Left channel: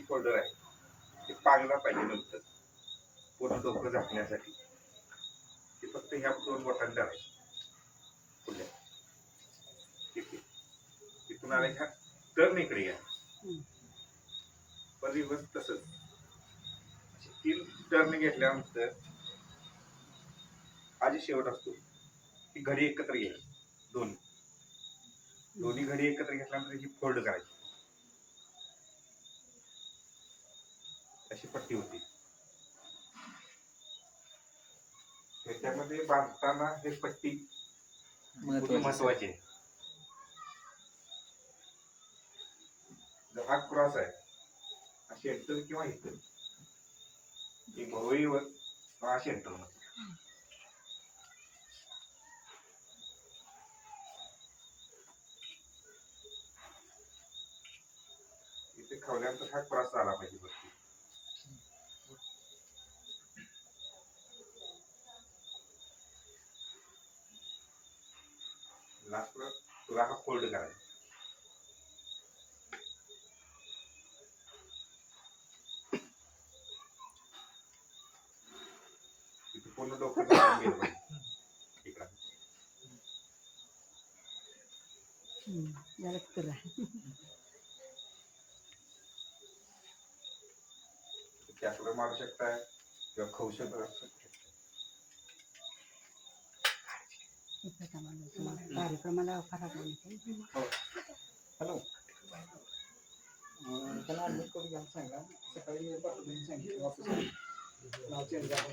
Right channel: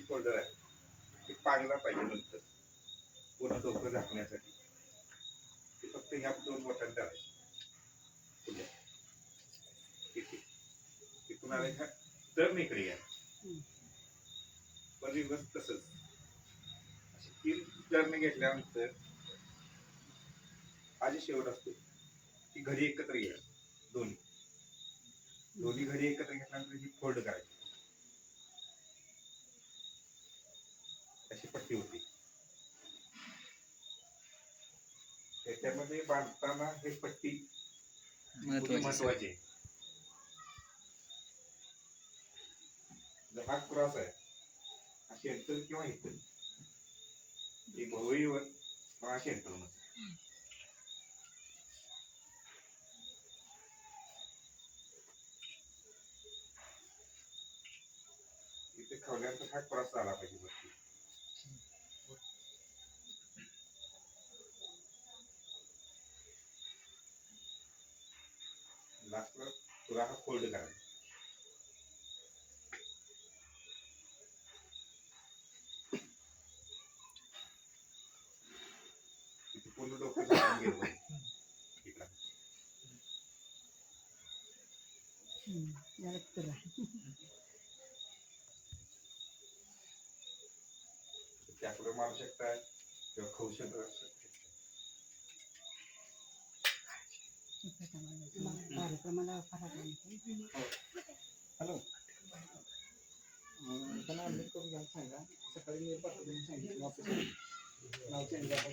Folder आहे. ते पांगला पाहिजे नंतर. पूर्ण डोकं झाकण्यासाठी. ते फक्त ह्या दोन बोटांनी धरायचे इथे. इथून आले ह्या टर्न इकडे हम्म. पण रिव्हर्स तसंच. तीन टर्न घेतल्यानंतर जे शेवट असतो. ती घडी एकत्र घ्यायची दोन्ही. दोन्ही घडी एकत्र घेतल्यानंतर ही फोल्ड करायची. अशी पट्टी होती. त्याच्यामध्ये बांधताना हे पट्टी महत्वाची. आहे. हा क्रॉस आहे अशी एंटर किंवा इथं एक भोवईवर अशी एंटर इथे खवल्यानंतर हा क्रॉस आला पाहिजे वरती लास्टला तुला हा फोल्ड करायचा इथे पूर्ण डोकं झाकून गेलं पाहिजे इकडं. हम्म, जरा तुला कॅपला मारू शकताय किंवा खाऊ शकता कार्यक्रमाला फरक नाही हॅलो. त्याला ॲडमिट करून घ्यायला सांगा. सकाळी सांगितलं ऑफिस नाव चेंज झालं